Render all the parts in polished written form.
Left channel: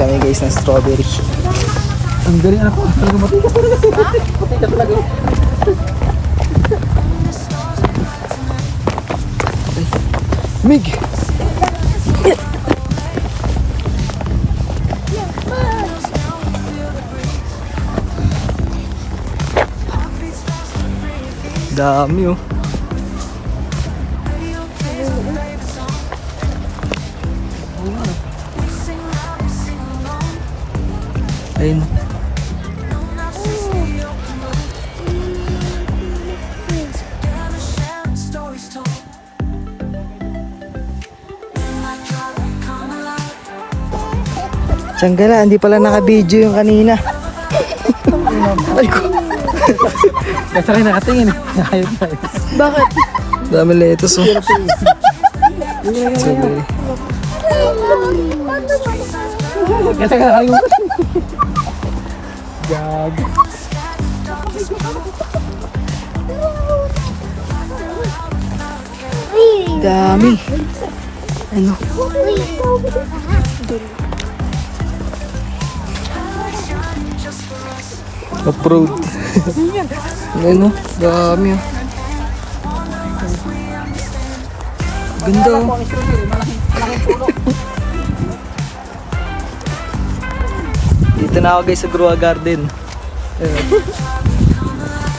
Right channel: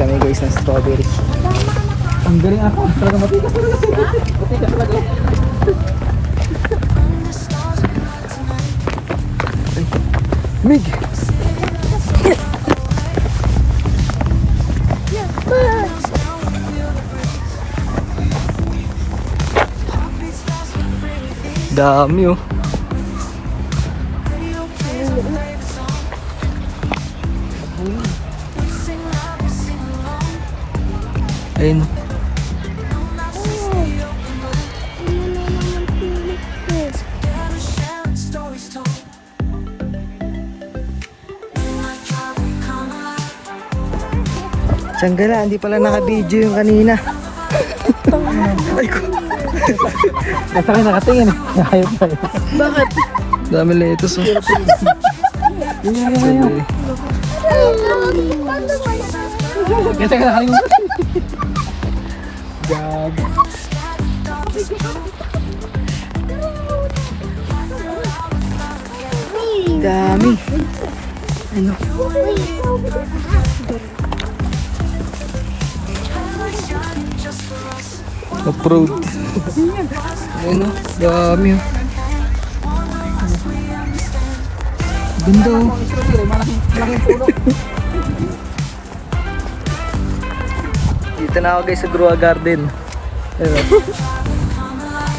kami guys ng strawberry. Ang galing ako. Talaga matigas talaga. Matigas talaga. Mig! Dami oh. Ayun. Sanggala, hindi pala naka-video yung kanina. Ay ko. Kasi kayo nakatingin. Ayun na. Bakit? Dami lettuce oh. Strawberry. Kasi kayo nakalimutan. Gag. Dami. Ano? Off-road. Ano? Dami oh. Ganda oh. Dito na ako guys sa Groa Garden. Ayun.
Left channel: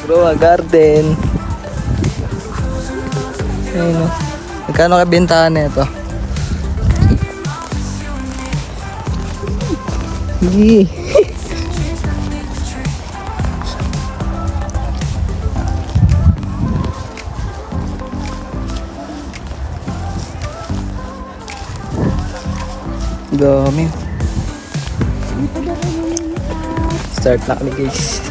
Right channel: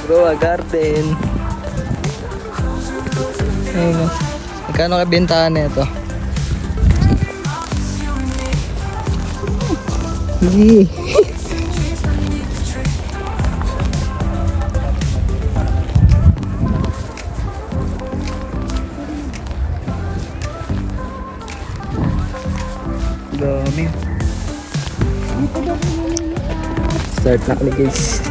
Groa Garden. Ayun oh. Magkano ka bentahan na ito? Hindi. Dami. Start na kami guys.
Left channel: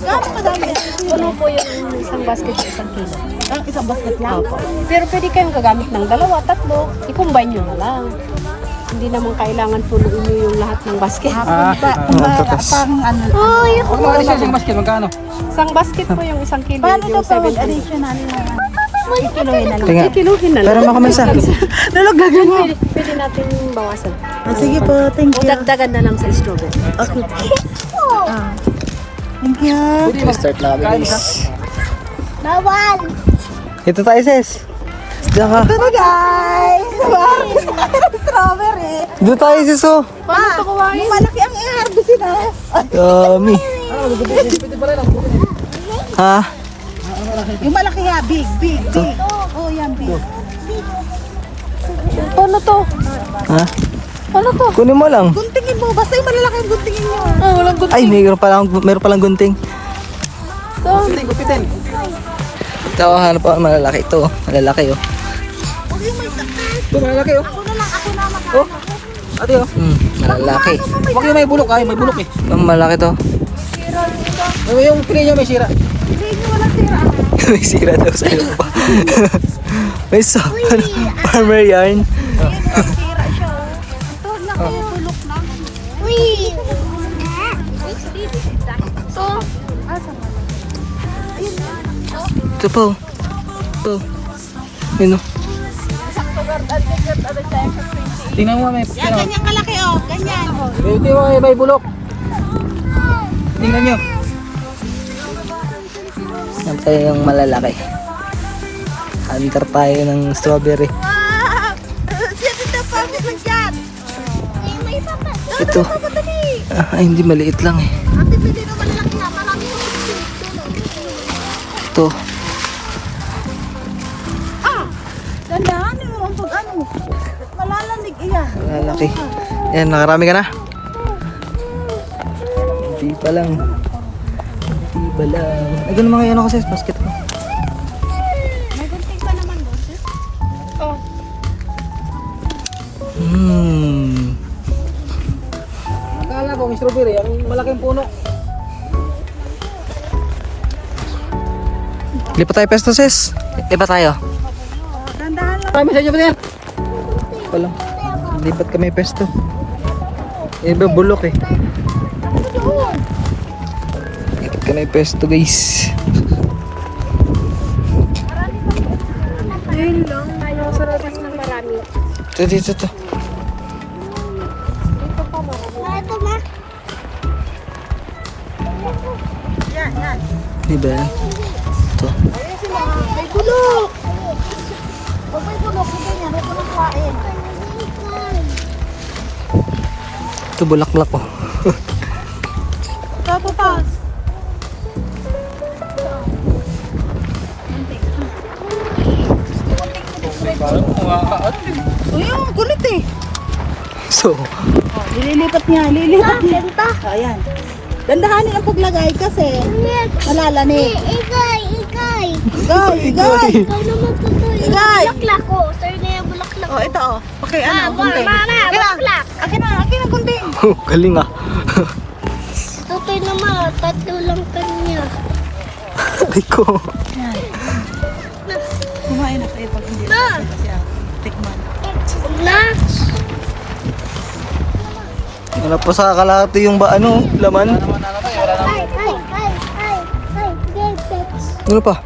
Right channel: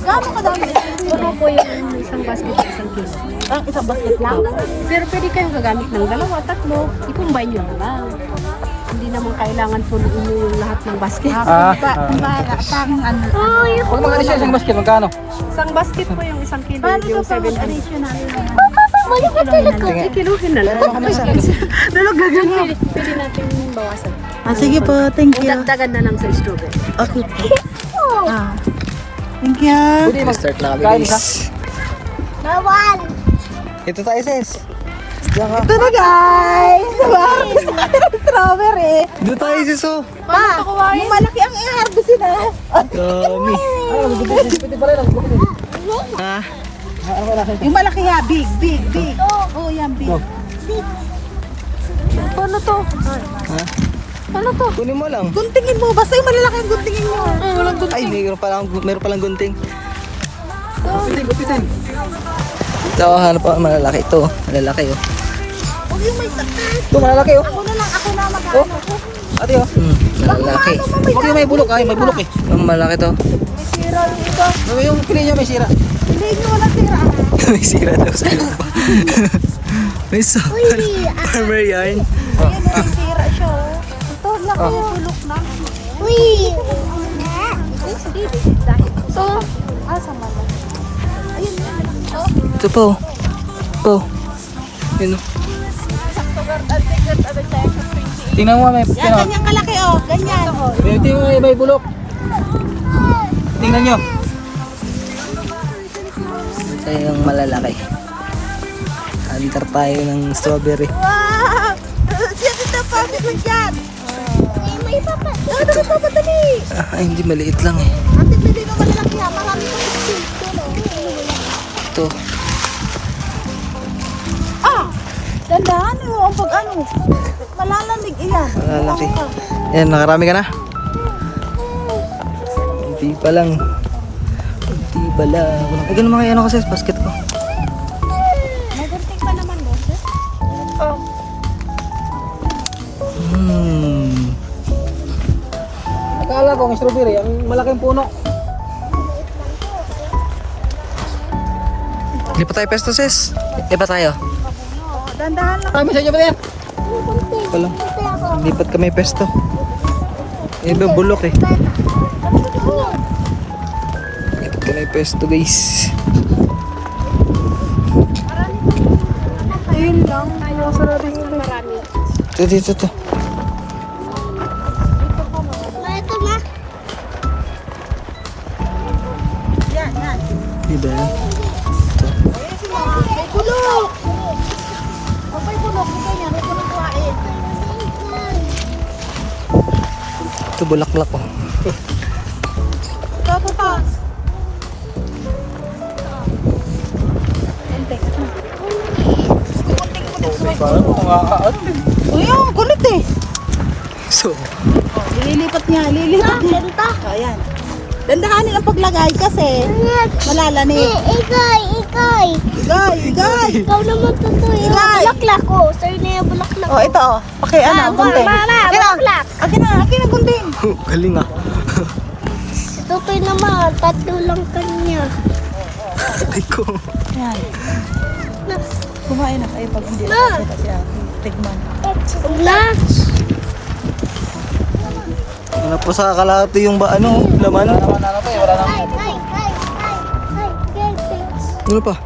Gaano kadami? Ano po yung isang basket sa isang kilo? Ah, isang basket lang? Pero pwede kayong gagamit ng dalawa, tatlo. I-combine nyo lang. Hindi naman kailangan punuin nyo yung lahat ng basket. Tatas. Pag mga additional isang basket, magkano? Isang basket po yung isang kilo. Paano to yung sa 7 additional kilohin na lang? Kiluhin na lang. Pero makamasa. Nalaglagan mo. Pwede natin bawasan. Sige po, thank O you. dagdagan na lang sa strawberry. Thank you. Start na kami guys. Bawal! Ito tayo sis. Diyan ka. Ito na guys! Strawberry! Doon tayo sis oh. Paano ito kuwain? Malaki ang i-harvest na. Dami. Ano, gupit pa rin ako. Gupitin. Ha? Yung malaki nga, big. Oh, yan, big. Paano to? Ha? Paano to? Kunin mo lang. Guntingin mo, basta yung malalaki yung guntingin mo. Walang Ay, meron palang gunting. Gupitin. Ito, hanap ako malalaki ito. Malalaki oh. Ito, malalaki oh. Oh, ate oh. Malalaki. Huwag yung may bulok ay, may bulok eh. Malaki to. Yung pili niya may sira. May sira daw sa'yo pa. May farmer yarn. Ito po. Ito. Yun oh. Tingnan mo may ano. Ganyan kalaki, oh. Ganyan. Tingnan mo may bulok. Tingnan nyo. Yan tayo yung malalaki. Hunter tayo ng strawberry. Ito. Ay, hindi maliit lang eh. Ito. Dandaan mo, ang pag-ano. Malalamig iyan. Malalaki. Yan, nakarami ka na? Hindi pa lang. Hindi pa lang. Ay, ganun mga ano kasi basket ko. May gunting ka naman, boss. Akala ko may strawberry, ang malaking puno. Lipat tayo pesto sis. Lipat tayo. Dandahan lang. Kami sa inyo ba yan? Palang. Lipat kami pesto. Iba bulok eh. Lipat kami pesto guys. Yun lang. Masarap yung Marami. Ito, dito, to. Ito na. Di ba yan? Ito. May bulok. Huwag may bulok. Huwag may bulok kain. Ito, bulaklak oh. Tapos. Uy, ang kulit eh. So, Lilipat nga, lilipat niya. Benta. Ayan. Dandahanin ang paglagay kasi malalani. Ikay, ikay. Igay, igay. Ikaw naman totoo. Ikay. Bulaklak ko. Sa'yo na yung bulaklak. Oh, ito oh. Paki ano, gunting. Akin na gunting. galing ah. Tutoy naman. Tatlo lang kanya. Aray ko. Yan. Kumain na kayo pag hindi Na. siya. Tignan. Na. Wala pa sa kalahati yung ano, laman. Ay. Ano pa?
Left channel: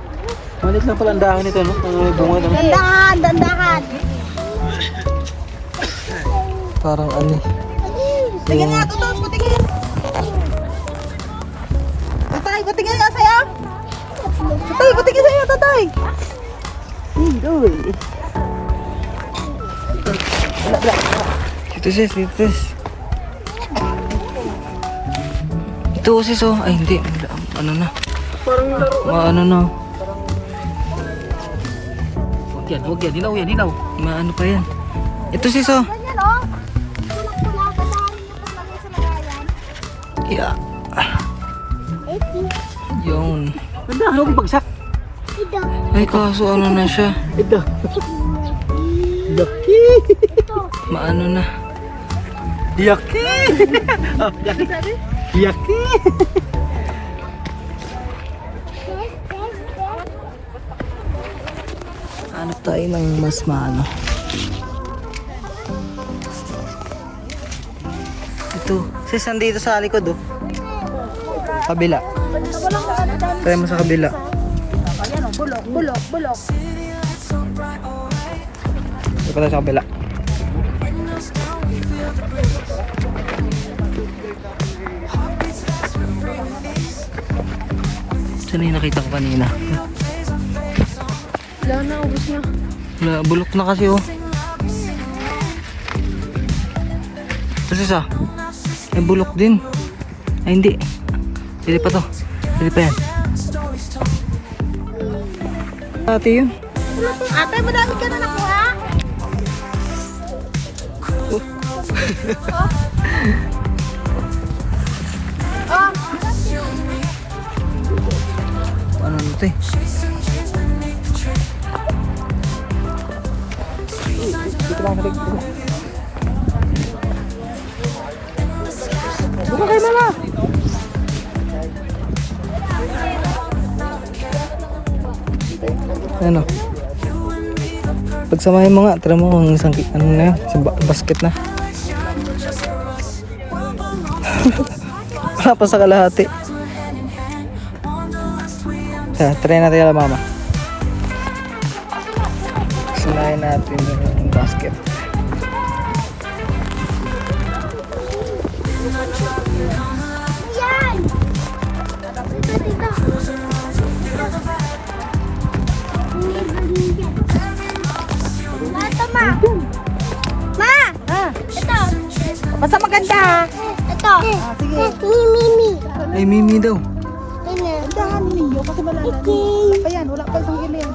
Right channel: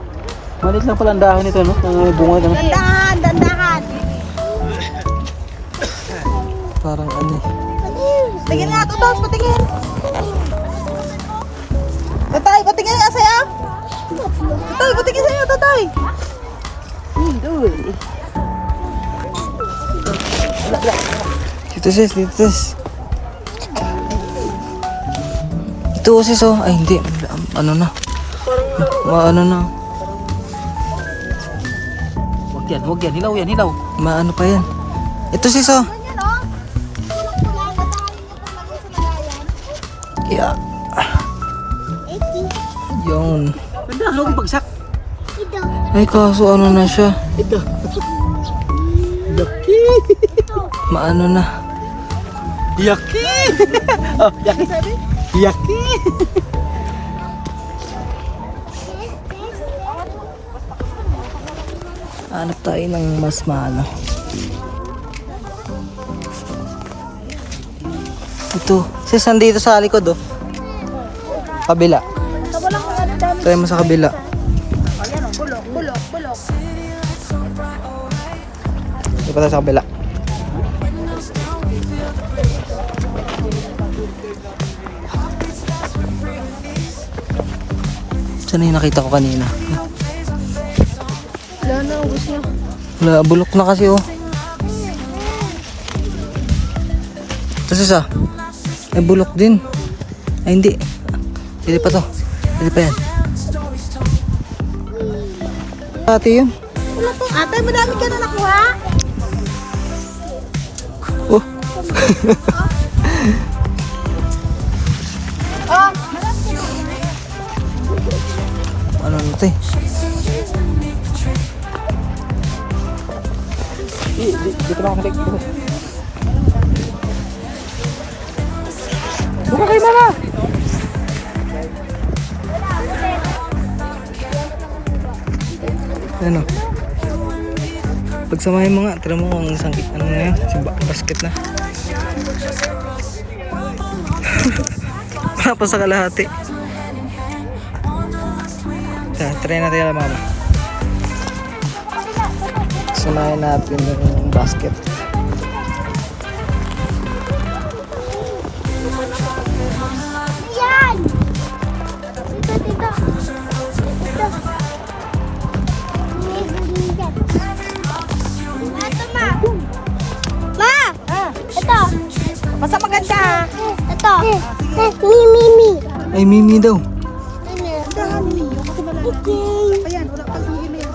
Malit lang pala ang dahon nito, no? Kung may bunga naman. Dandahan. Parang ano. Tingin nga ito, Tos. Patingin. Tatay, patingin nga sa'yo. Tatay, patingin sa'yo, tatay. Dito sis, dito sis. Ito sis oh. Ay hindi, ano na. Maano na. Huwag yan. Hilaw yan, hilaw. Maano pa yan. Ito sis oh. Yeah. Yun. Ganda, ano kung bagsak? Ay kaso ano na siya. Ito. Yaki. Maano na. Yaki. Oh, yaki sabi? Yaki. Hanap tayo ng mas maano. Ito. Sis, nandito sa likod oh. Kabila. Try mo sa kabila. Hindi pa tayo sa kabila. Saan yung nakita ko kanina? Wala, bulok na kasi oh. Ito sis ah. Ay bulok din. Ay hindi. Hindi pa to. Hindi pa yan. Ate yun. Ate, madami ka na nakuha. Oh. Ano na ito eh? Okay na lang. Ano? Pagsamahin mo nga, tira mo kung isang ano na yan, basket na. Wala pa sa kalahati. Try natin yan mama. Samahin natin yung basket. Yan! Tita. Ito, ma. Ma! Ito. Basta maganda. Ito. Mimi. Ay, Mimi daw. Kasi malalani. Ayan, wala pa isang gilid.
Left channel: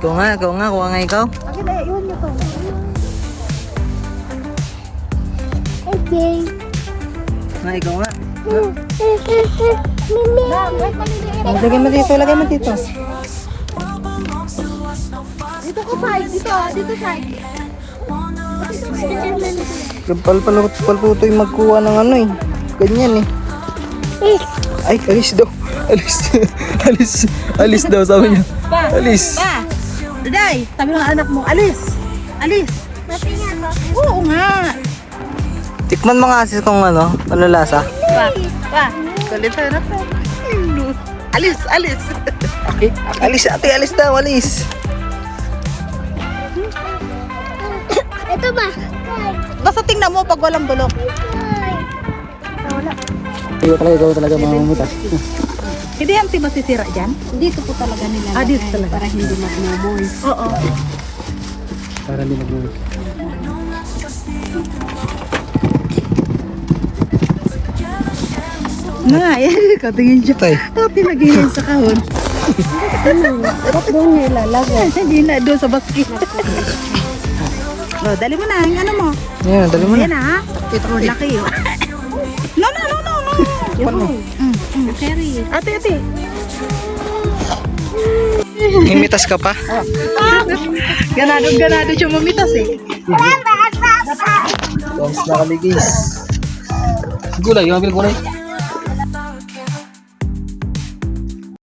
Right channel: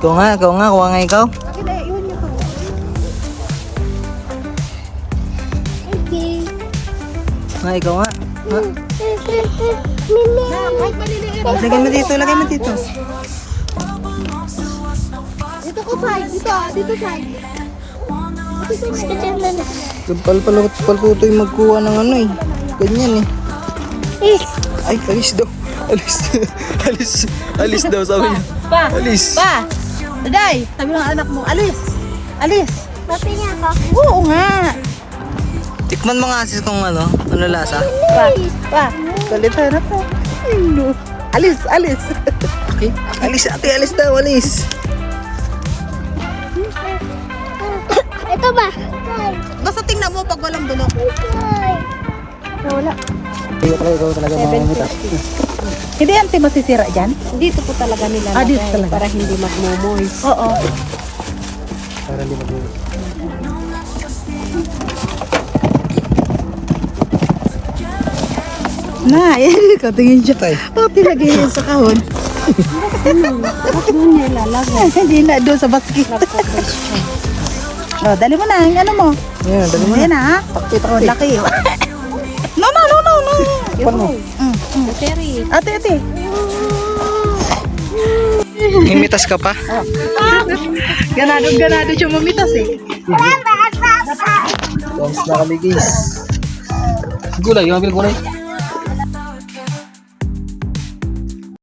Ikaw nga, kuha nga ikaw. Akin na, iwan niyo to. Okay. Nga, ikaw nga. Mimi. Kahit maliliit. Lagay mo dito, lagay mo dito. Dito ko side, dito side. Palputo yung magkuha ng ano eh. Ganyan eh. Ay, alis daw. Alis daw sabi niya. Alis. Pa! Daday, sabi ng anak mo, alis. Alis. Pati nga ako. Oo nga. Tikman mo nga sis kung ano lasa. Pa, salita na po. Alis. Okay. Alis ate, alis daw, alis. Basta tingnan mo pag walang bulok. Ikaw talaga mamamitas. Hindi yan masisira dyan. Dito po talaga nila Dito lagay talaga. para hindi magmomoy. Oo. Para hindi nag- Na, katingin siya. Tay. Pati lagi yan sa kahon. Ba't doon niya ilalagay? Hindi na doon sa basket. Oh, dali mo na, yung ano mo. Yan, dali mo na. Yan ha. Oh, laki. No. Yun. Carry. Ate. Imitas ka pa? Ganado siya mamitas eh. Thanks na kami guys. Gulay, yung ambil gulay.